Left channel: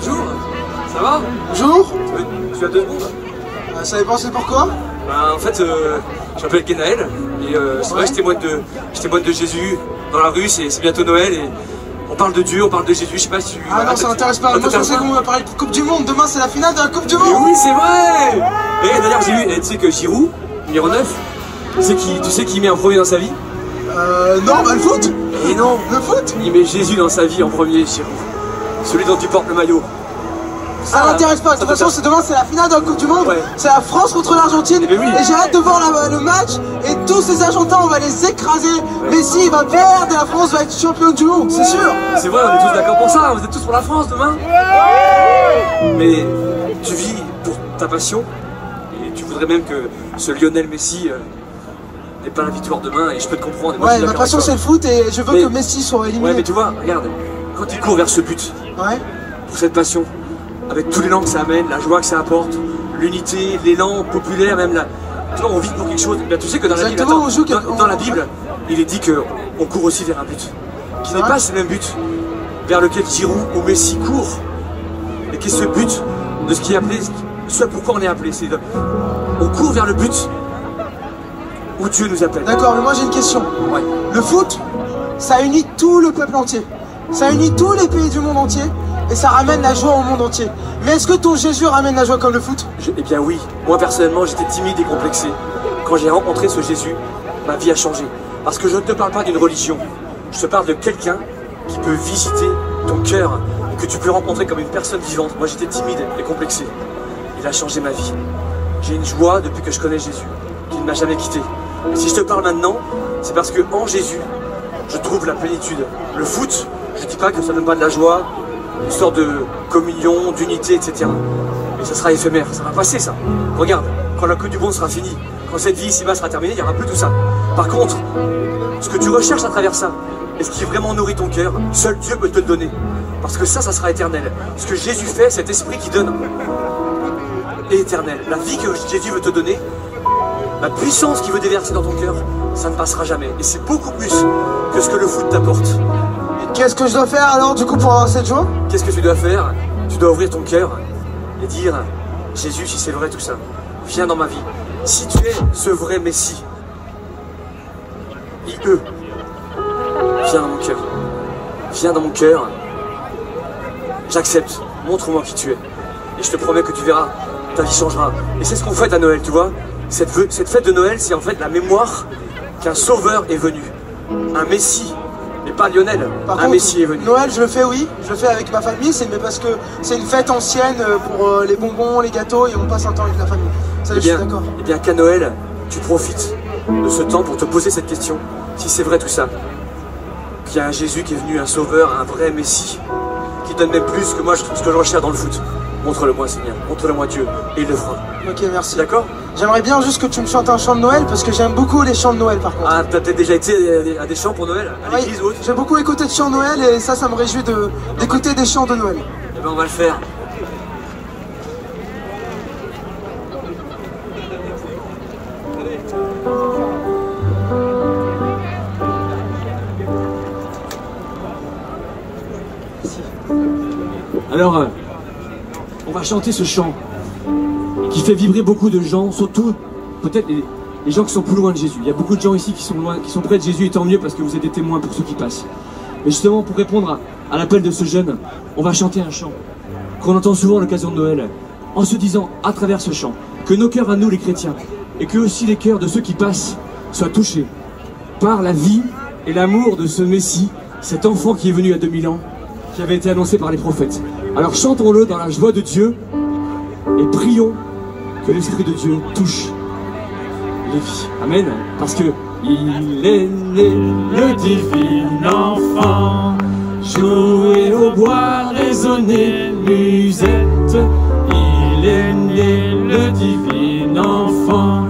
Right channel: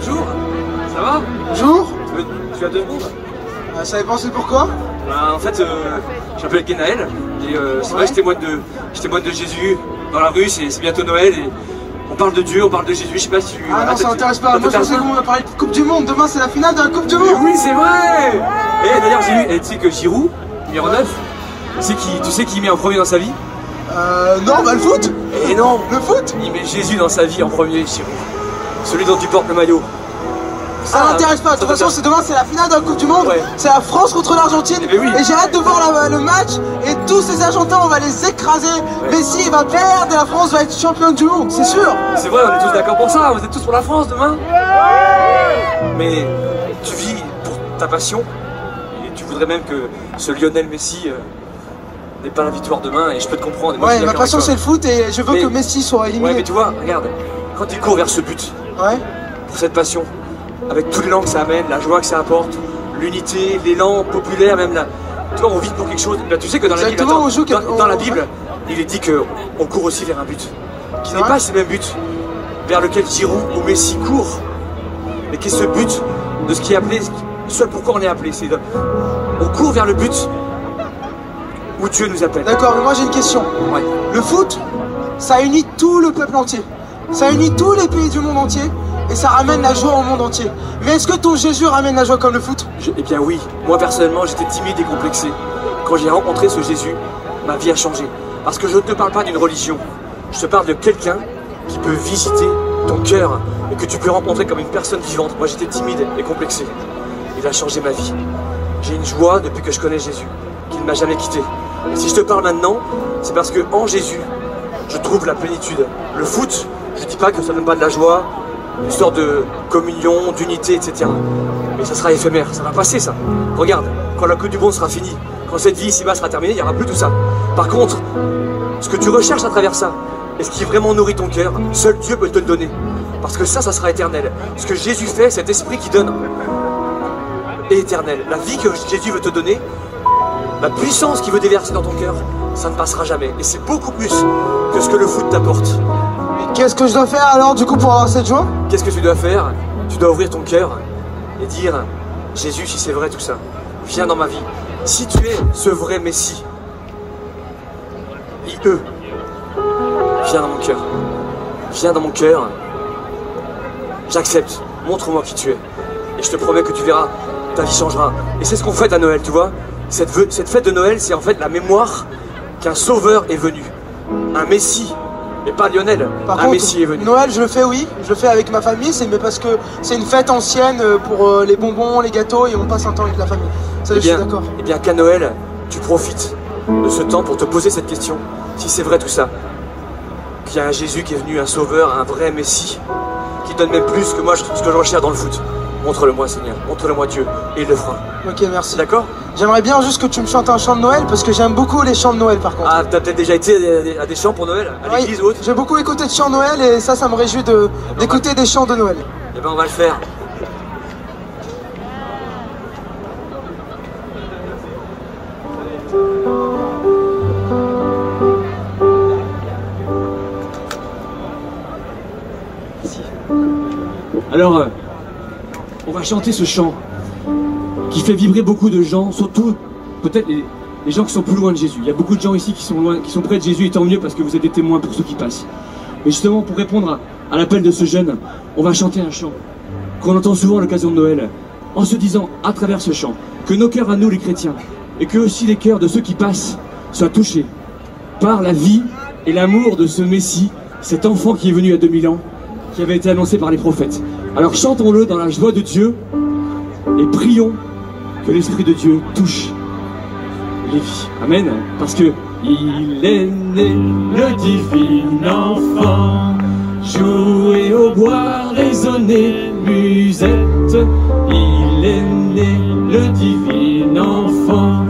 Bonjour, ça va? Bonjour. Tu as 2 secondes? Ça dépend, c'est pourquoi? En fait, je m'appelle Genaël, et c'est vrai, je témoigne de Jésus dans la rue, c'est bientôt Noël, et on parle de Dieu, on parle de Jésus, je sais pas si tu... Ah non, ça m'intéresse pas, moi je pensais qu'on va parler de Coupe du Monde, demain c'est la finale de la Coupe du Monde. Oui, c'est vrai. Et d'ailleurs, j'ai vu, tu sais que Giroud, numéro 9, tu sais qui met en premier dans sa vie? Non, bah le foot. Et non, le foot. Il met Jésus dans sa vie en premier, Giroud. Celui dont tu portes le maillot. Ça m'intéresse pas, de toute façon demain c'est la finale de la Coupe du Monde, ouais. C'est la France contre l'Argentine, oui. Et j'ai hâte de voir le match, et tous ces Argentins on va les écraser, Messi il va perdre et la France va être championne du monde, c'est sûr. C'est vrai, on est tous d'accord pour ça, vous êtes tous pour la France demain. Mais tu vis pour ta passion, et tu voudrais même que ce Lionel Messi n'ait pas la victoire demain, et je peux te comprendre. Ouais, ma passion c'est le foot, et je veux que Messi soit éliminé. Ouais, mais tu vois, regarde, quand il court vers ce but, ouais. Pour cette passion, avec tout l'élan que ça amène, la joie que ça apporte, l'unité, l'élan populaire, même là. Tu vois, on vit pour quelque chose. Ben, tu sais que dans la Bible, dans la Bible, il est dit qu'on court aussi vers un but. Qui n'est pas ce même but vers lequel Giroud ou Messi courent, mais qui est ce but de ce qui est appelé, ce pourquoi on est appelé. On court vers le but où Dieu nous appelle. D'accord, mais moi j'ai une question. Ouais. Le foot, ça unit tout le peuple entier. Ça unit tous les pays du monde entier. Et ça ramène la joie au monde entier. Mais est-ce que ton Jésus ramène la joie comme le foot? Eh bien oui, moi personnellement j'étais timide et complexé. Quand j'ai rencontré ce Jésus, ma vie a changé. Parce que je ne te parle pas d'une religion, je te parle de quelqu'un qui peut visiter ton cœur et que tu peux rencontrer comme une personne vivante. Moi j'étais timide et complexé. Il a changé ma vie. J'ai une joie depuis que je connais Jésus, qu'il ne m'a jamais quitté. Et si je te parle maintenant, c'est parce que en Jésus, je trouve la plénitude. Le foot, je ne dis pas que ça ne donne pas de la joie, une sorte de communion, d'unité, etc. Mais ça sera éphémère, ça va passer ça. Regarde, quand la Coupe du Monde sera finie, quand cette vie ici-bas sera terminée, il n'y aura plus tout ça. Par contre, ce que tu recherches à travers ça, et ce qui vraiment nourrit ton cœur, seul Dieu peut te le donner. Parce que ça sera éternel. Ce que Jésus fait, cet esprit qui donne, est éternel. La vie que Jésus veut te donner, la puissance qu'il veut déverser dans ton cœur, ça ne passera jamais. Et c'est beaucoup plus que ce que le foot t'apporte. Qu'est-ce que je dois faire alors du coup pour avoir cette joie? Qu'est-ce que tu dois faire? Tu dois ouvrir ton cœur et dire Jésus, si c'est vrai tout ça, viens dans ma vie. Si tu es ce vrai Messie, viens dans mon cœur. Viens dans mon cœur. J'accepte. Montre-moi qui tu es. Et je te promets que tu verras, ta vie changera. Et c'est ce qu'on fête à Noël, tu vois. Cette fête de Noël, c'est en fait la mémoire qu'un sauveur est venu. Un Messie. Mais pas Lionel, un Messie est venu. Noël, je le fais, oui, je le fais avec ma famille, mais parce que c'est une fête ancienne pour les bonbons, les gâteaux, et on passe un temps avec la famille. Ça, je suis d'accord. Eh bien, qu'à Noël, tu profites de ce temps pour te poser cette question. Si c'est vrai tout ça, qu'il y a un Jésus qui est venu, un sauveur, un vrai Messie, qui donne même plus que moi, ce que je recherche dans le foot. Montre-le-moi, Seigneur, montre-le-moi Dieu, et il le fera. Ok, merci. D'accord? J'aimerais bien juste que tu me chantes un chant de Noël, parce que j'aime beaucoup les chants de Noël par contre. Ah, t'as peut-être déjà été à des chants pour Noël? À l'église ou autre? J'ai beaucoup écouté de chants de Noël, et ça me réjouit d'écouter des chants de Noël. Eh ben, on va le faire. Alors, on va chanter ce chant qui fait vibrer beaucoup de gens, surtout peut-être les gens qui sont plus loin de Jésus. Il y a beaucoup de gens ici qui sont loin, qui sont près de Jésus, et tant mieux parce que vous êtes des témoins pour ceux qui passent. Et justement, pour répondre à l'appel de ce jeune, on va chanter un chant qu'on entend souvent à l'occasion de Noël, en se disant à travers ce chant que nos cœurs à nous les chrétiens, et que aussi les cœurs de ceux qui passent, soient touchés par la vie et l'amour de ce Messie, cet enfant qui est venu il y a 2000 ans, qui avait été annoncé par les prophètes. Alors chantons-le dans la joie de Dieu et prions que l'Esprit de Dieu touche les vies. Amen. Parce que il est né le divin enfant, jouer au bois, résonner musette. Il est né le divin enfant,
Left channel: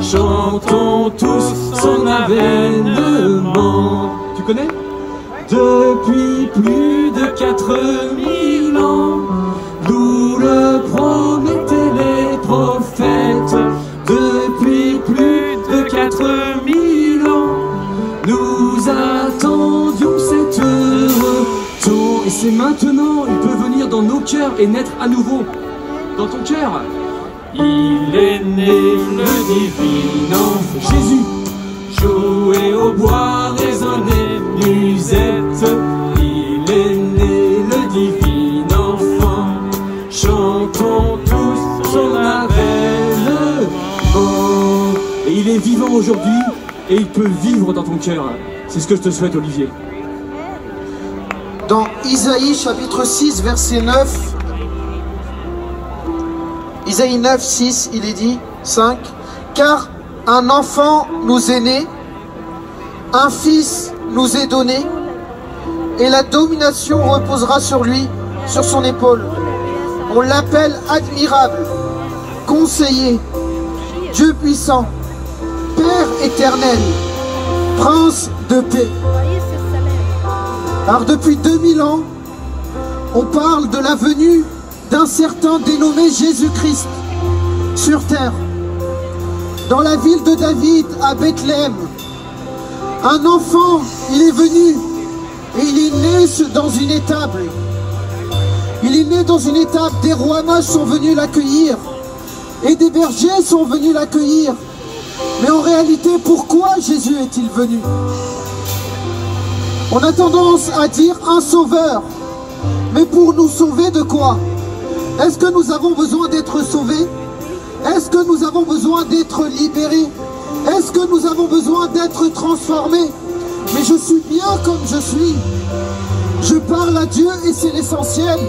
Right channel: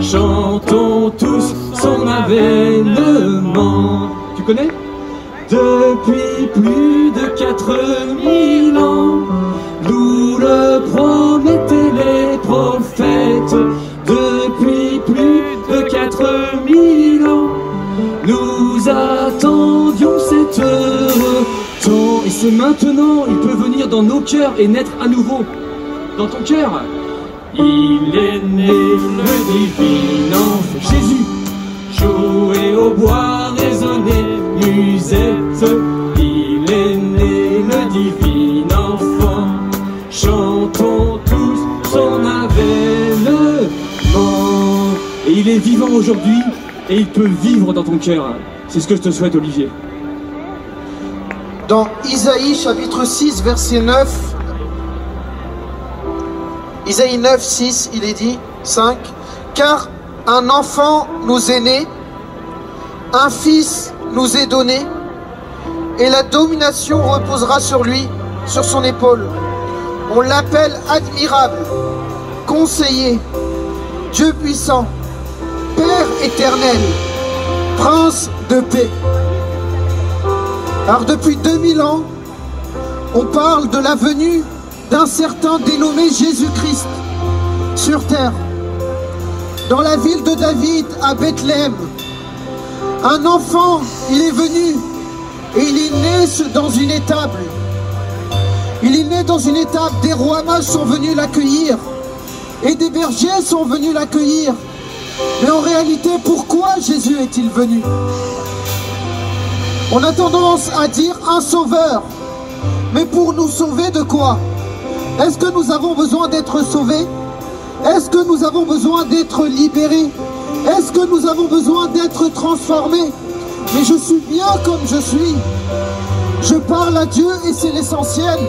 chantons tous son avènement. Tu connais? Depuis plus de 4000 ans, nous le promettaient les prophètes. Depuis plus de 4000 ans, nous attendions cette heure. Et c'est maintenant, il peut venir dans nos cœurs et naître à nouveau dans ton cœur. Il est né le divin enfant. Jésus. Jouer au bois, résonner, musette. Il est né le divin enfant. Chantons tous son avènement. Et il est vivant aujourd'hui et il peut vivre dans ton cœur. C'est ce que je te souhaite, Olivier. Dans Isaïe chapitre 6 verset 9, Isaïe 9, 6, il est dit, 5, car un enfant nous est né, un fils nous est donné, et la domination reposera sur lui, sur son épaule. On l'appelle admirable, conseiller, Dieu puissant, Père éternel, Prince de paix. Alors depuis 2000 ans, on parle de la venue d'un certain dénommé Jésus-Christ sur terre. Dans la ville de David, à Bethléem, un enfant, il est venu et il est né dans une étable. Il est né dans une étable, des rois mages sont venus l'accueillir et des bergers sont venus l'accueillir. Mais en réalité, pourquoi Jésus est-il venu? On a tendance à dire un sauveur. Mais pour nous sauver de quoi? Est-ce que nous avons besoin d'être sauvés? Est-ce que nous avons besoin d'être libérés? Est-ce que nous avons besoin d'être transformés? Mais je suis bien comme je suis. Je parle à Dieu et c'est l'essentiel.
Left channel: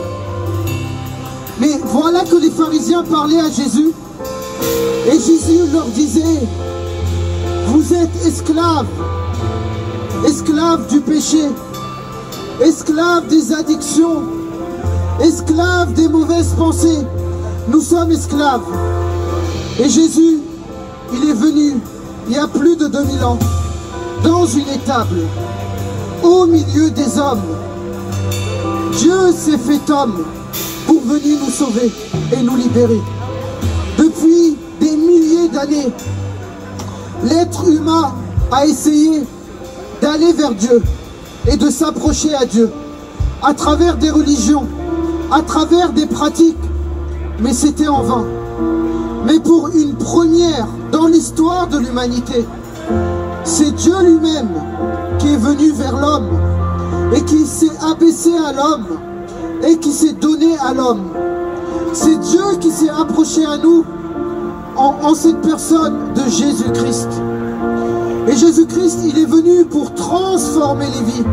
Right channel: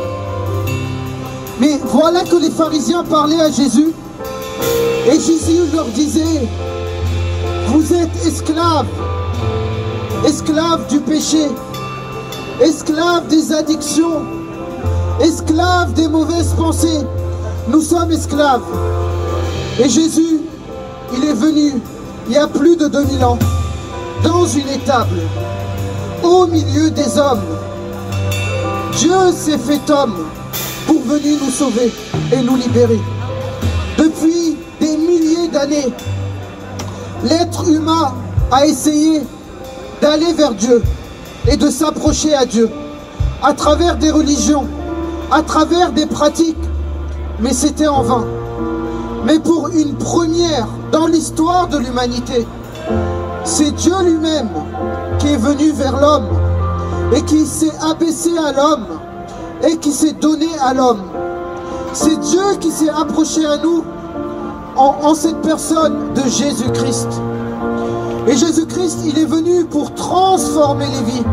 Mais voilà que les pharisiens parlaient à Jésus. Et Jésus leur disait, vous êtes esclaves. Esclaves du péché, esclaves des addictions, esclaves des mauvaises pensées. Nous sommes esclaves. Et Jésus, il est venu il y a plus de 2000 ans, dans une étable, au milieu des hommes. Dieu s'est fait homme pour venir nous sauver et nous libérer. Depuis des milliers d'années, l'être humain a essayé d'aller vers Dieu et de s'approcher à Dieu à travers des religions, à travers des pratiques, mais c'était en vain. Mais pour une première dans l'histoire de l'humanité, c'est Dieu lui-même qui est venu vers l'homme et qui s'est abaissé à l'homme et qui s'est donné à l'homme. C'est Dieu qui s'est approché à nous en cette personne de Jésus-Christ. Et Jésus-Christ, il est venu pour transformer les vies.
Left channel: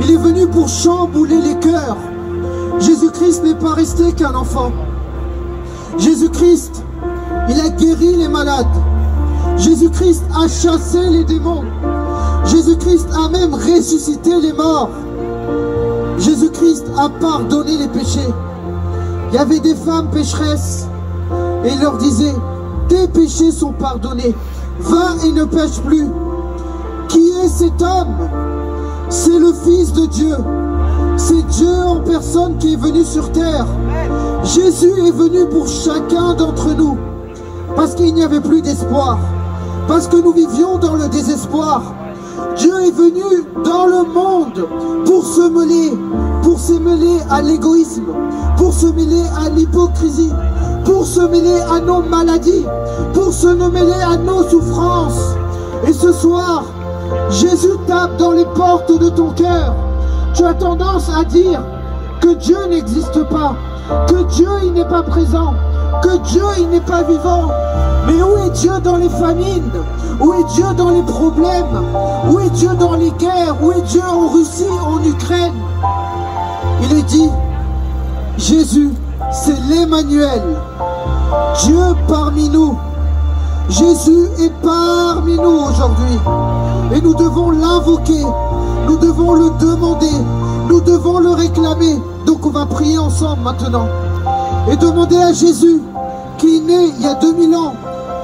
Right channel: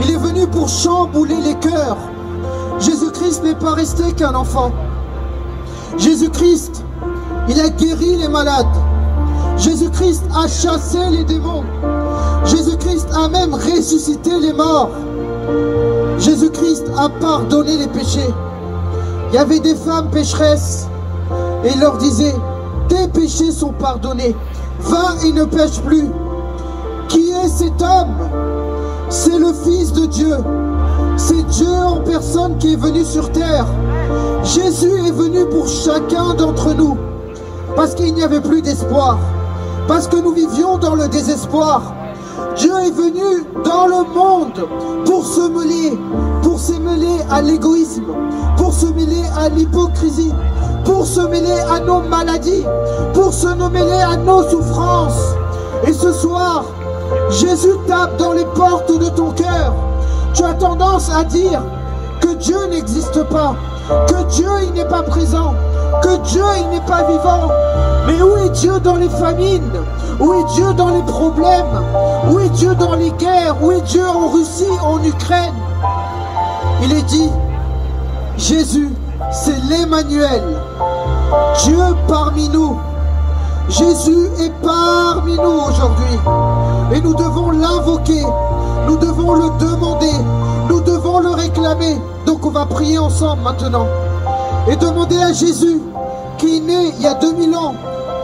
Il est venu pour chambouler les cœurs. Jésus-Christ n'est pas resté qu'un enfant. Jésus-Christ, il a guéri les malades. Jésus-Christ a chassé les démons. Jésus-Christ a même ressuscité les morts. Jésus-Christ a pardonné les péchés. Il y avait des femmes pécheresses et il leur disait, tes péchés sont pardonnés. Va et ne pêche plus. Qui est cet homme? C'est le Fils de Dieu. C'est Dieu en personne qui est venu sur terre. Jésus est venu pour chacun d'entre nous. Parce qu'il n'y avait plus d'espoir. Parce que nous vivions dans le désespoir. Dieu est venu dans le monde pour se mêler à l'égoïsme, pour se mêler à l'hypocrisie, pour se mêler à nos maladies, pour se mêler à nos souffrances. Et ce soir, Jésus tape dans les portes de ton cœur. Tu as tendance à dire que Dieu n'existe pas, que Dieu il n'est pas présent, que Dieu il n'est pas vivant. Mais où est Dieu dans les famines? Où est Dieu dans les problèmes? Où est Dieu dans les guerres? Où est Dieu en Russie, en Ukraine? Il est dit, Jésus, c'est l'Emmanuel, Dieu parmi nous. Jésus est parmi nous aujourd'hui. Et nous devons l'invoquer, nous devons le demander, nous devons le réclamer. Donc on va prier ensemble maintenant. Et demander à Jésus, qui est né il y a 2000 ans,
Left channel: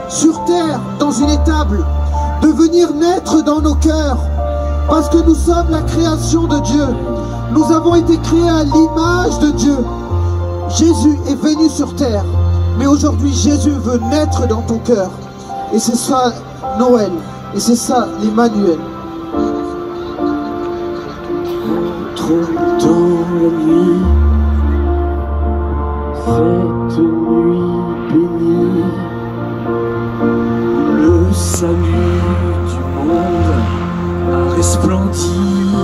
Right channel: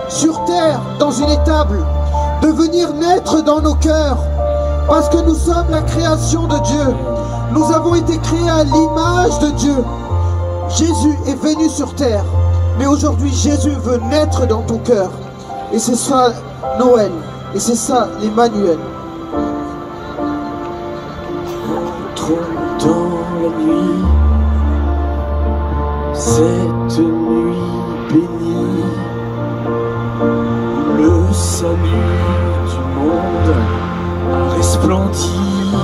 sur terre, dans une étable, de venir naître dans nos cœurs. Parce que nous sommes la création de Dieu. Nous avons été créés à l'image de Dieu. Jésus est venu sur terre. Mais aujourd'hui, Jésus veut naître dans ton cœur. Et c'est ça Noël. Et c'est ça l'Emmanuel. Trop dans la nuit, Cette nuit bénie, le salut du monde a resplendi.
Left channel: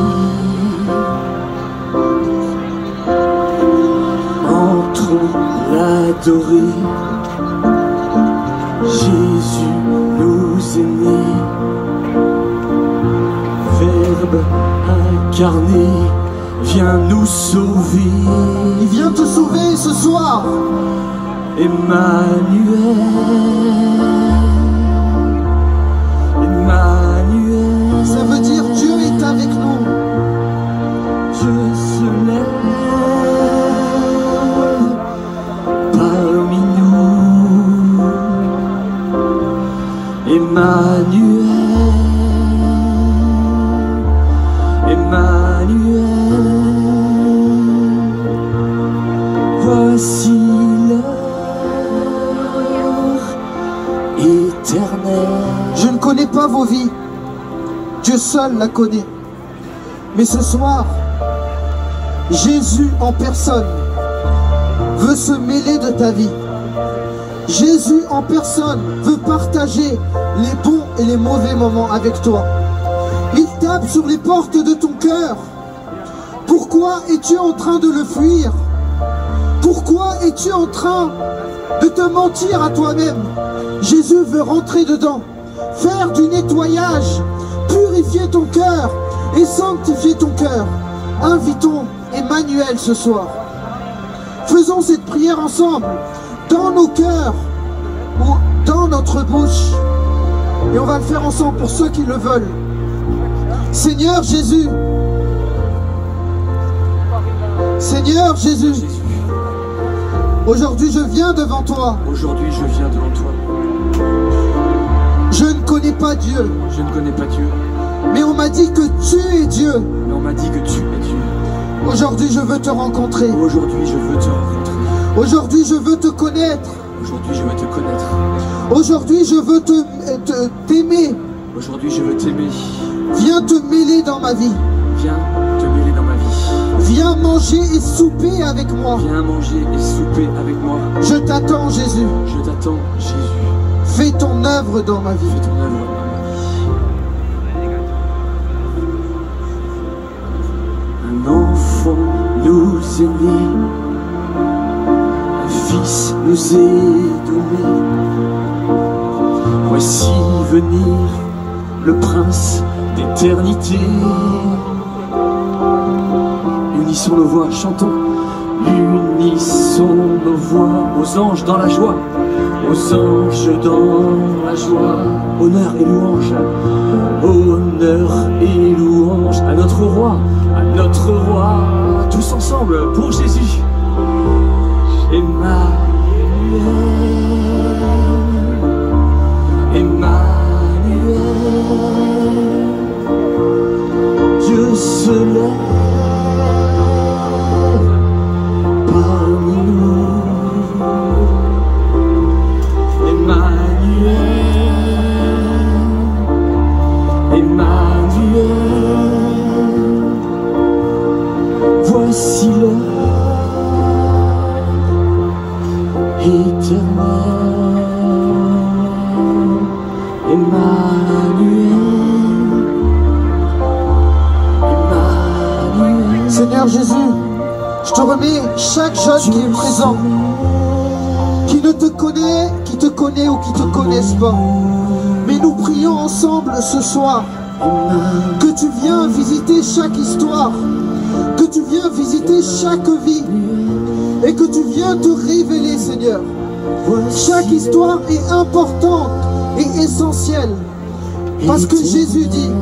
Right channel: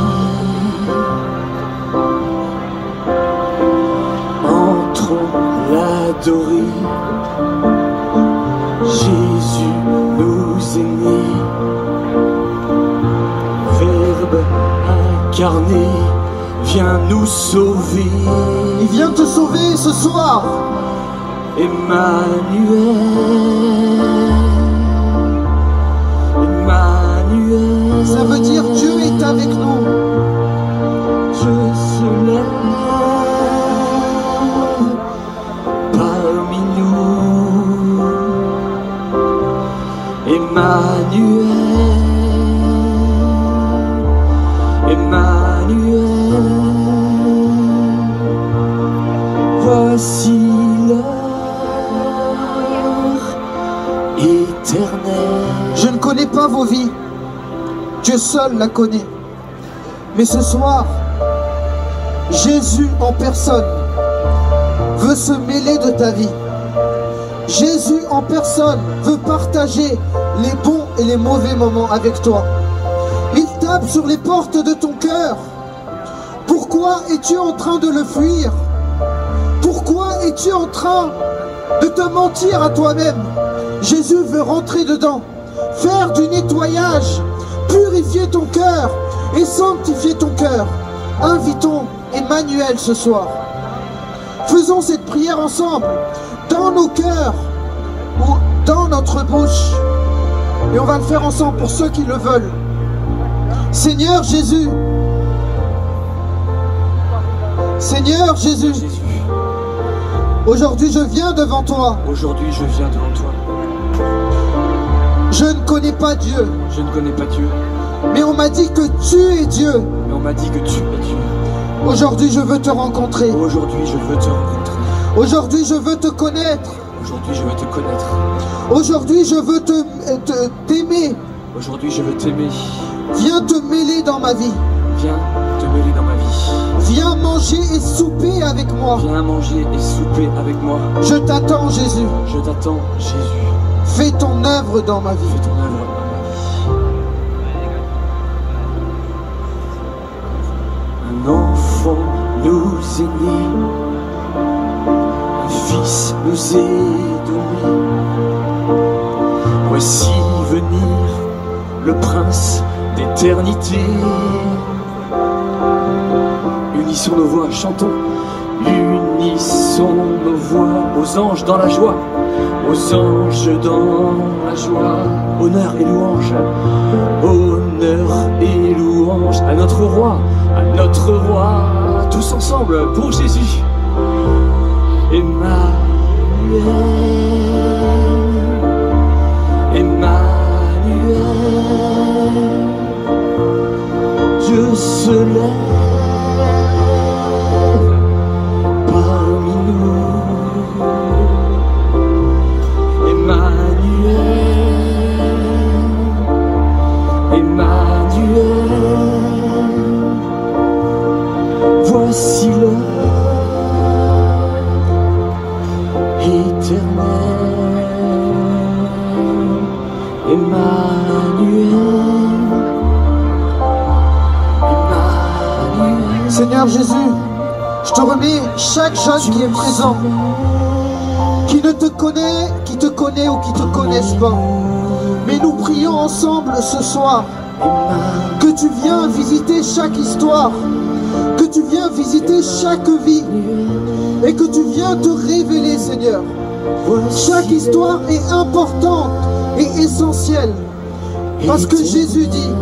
Entrons l'adorer, Jésus nous est né, Verbe incarné, viens nous sauver. Il vient te sauver ce soir. Emmanuel, Ça veut dire Dieu est avec nous. Dieu se lève parmi nous. Emmanuel, voici l'heure éternelle. Je ne connais pas vos vies. Dieu seul la connaît. Mais ce soir, Jésus en personne veut se mêler de ta vie. Jésus en personne veut partager les bons et les mauvais moments avec toi. Il tape sur les portes de ton cœur. Pourquoi es-tu en train de le fuir? Pourquoi es-tu en train de te mentir à toi-même? Jésus veut rentrer dedans, faire du nettoyage, purifier ton cœur et sanctifier ton cœur. Invitons Emmanuel ce soir. Faisons cette prière ensemble, dans nos cœurs ou dans notre bouche. Et on va le faire ensemble pour ceux qui le veulent. Seigneur Jésus, Seigneur Jésus, aujourd'hui je viens devant toi. Aujourd'hui je viens devant toi. Je ne connais pas Dieu, Je ne connais pas Dieu, mais on m'a dit que tu es Dieu. mais on m'a dit que tu es Dieu. Aujourd'hui je veux te rencontrer. Aujourd'hui je veux te rencontrer. Aujourd'hui je veux te connaître. Aujourd'hui je veux te connaître. Aujourd'hui je veux t'aimer. Aujourd'hui je veux t'aimer. Viens te mêler dans ma vie. Viens te mêler dans ma vie. Viens manger et souper avec moi. Viens manger et souper avec moi. Je t'attends Jésus. Je t'attends, Jésus. Fais ton œuvre dans ma vie. Fais ton œuvre dans ma vie. Un enfant nous est né, un fils nous est donné. Voici venir le prince d'éternité. Unissons nos voix, chantons. Unissons nos voix aux anges dans la joie, aux anges dans la joie. Honneur et louange, honneur et louange à notre roi, tous ensemble pour Jésus. Emmanuel, Dieu se lève parmi nous. Emmanuel, voici l'heure éternelle. Emmanuel. Seigneur Jésus, je te remets chaque jeune qui est présent, qui te connaît ou qui te connaissent pas. Mais nous prions ensemble ce soir que tu viens visiter chaque histoire, que tu viens visiter chaque vie et que tu viens te révéler, Seigneur. Chaque histoire est importante et essentielle parce que Jésus dit:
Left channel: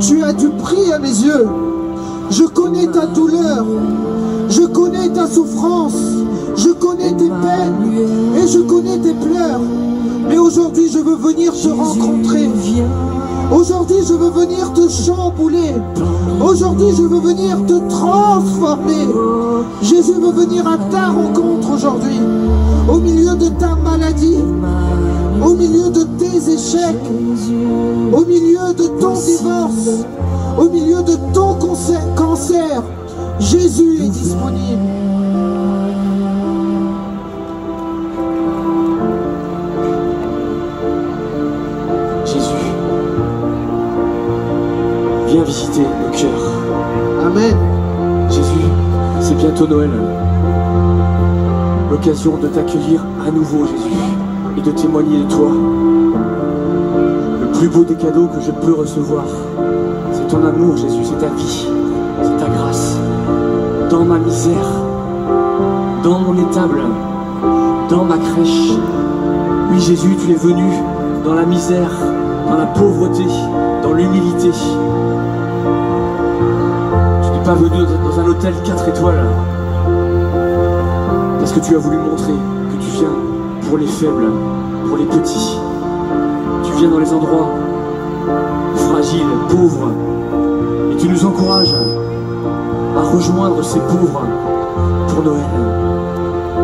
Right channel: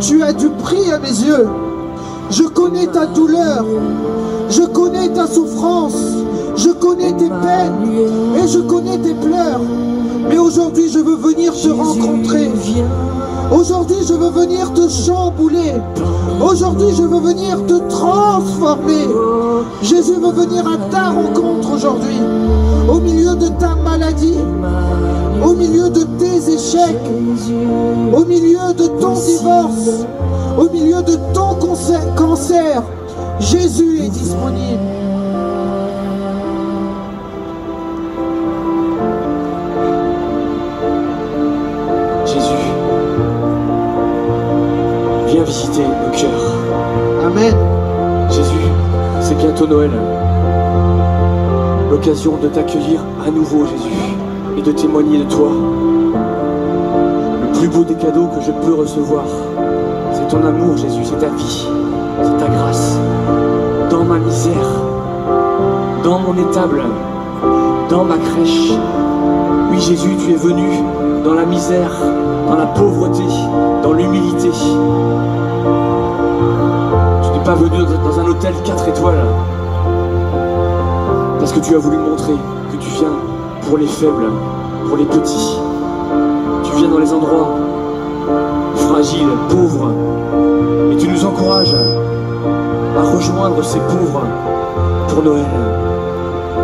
tu as du prix à mes yeux. Je connais ta douleur, je connais ta souffrance, je connais tes peines et je connais tes pleurs. Mais aujourd'hui je veux venir te rencontrer. Aujourd'hui je veux venir te chambouler. Aujourd'hui je veux venir te transformer. Jésus veut venir à ta rencontre aujourd'hui. Au milieu de ta maladie, au milieu de tes échecs, au milieu de ton divorce, au milieu de ton cancer, Jésus est disponible. Noël l'occasion de t'accueillir à nouveau, Jésus, et de témoigner de toi. Le plus beau des cadeaux que je peux recevoir, c'est ton amour, Jésus, c'est ta vie, c'est ta grâce. Dans ma misère, dans mon étable, dans ma crèche. Oui, Jésus, tu es venu dans la misère, dans la pauvreté, dans l'humilité. Tu n'es pas venu dans un hôtel 4 étoiles, parce que tu as voulu montrer que tu viens pour les faibles, pour les petits. Tu viens dans les endroits fragiles, pauvres, et tu nous encourages à rejoindre ces pauvres pour Noël,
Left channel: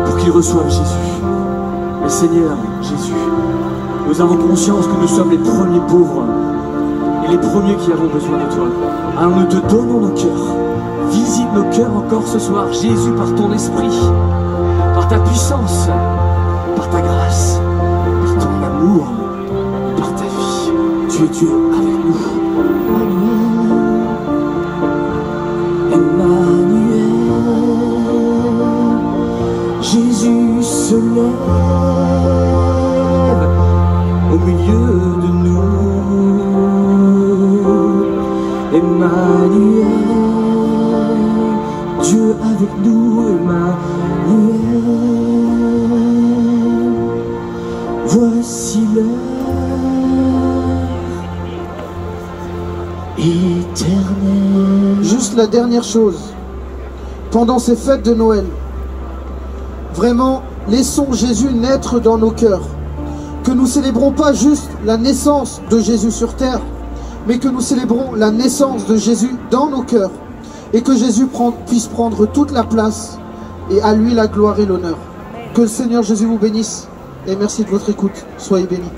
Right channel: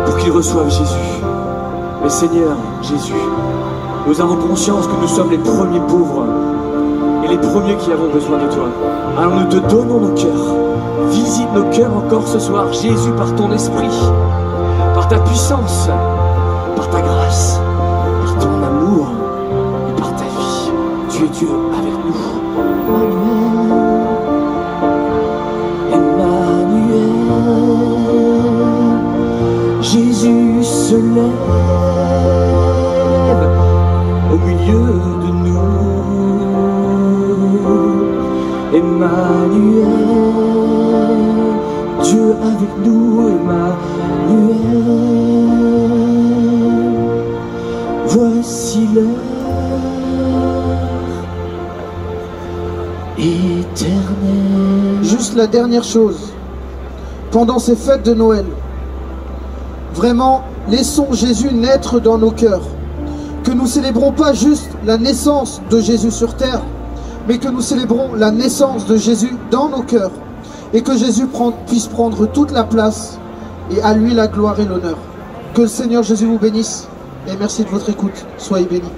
pour qu'ils reçoivent Jésus. Mais Seigneur Jésus, nous avons conscience que nous sommes les premiers pauvres et les premiers qui avons besoin de toi. Alors nous te donnons nos cœurs. Visite nos cœurs encore ce soir, Jésus, par ton esprit, par ta puissance, par ta grâce, par ton amour et par ta vie. Tu es Dieu avec nous. Jésus se lève au milieu de nous. Emmanuel, Dieu avec nous, Emmanuel. Voici l'heure éternelle. Juste la dernière chose, pendant ces fêtes de Noël, vraiment, laissons Jésus naître dans nos cœurs. Que nous célébrons pas juste la naissance de Jésus sur terre, mais que nous célébrons la naissance de Jésus dans nos cœurs. Et que Jésus puisse prendre toute la place, et à lui la gloire et l'honneur. Que le Seigneur Jésus vous bénisse, et merci de votre écoute. Soyez bénis.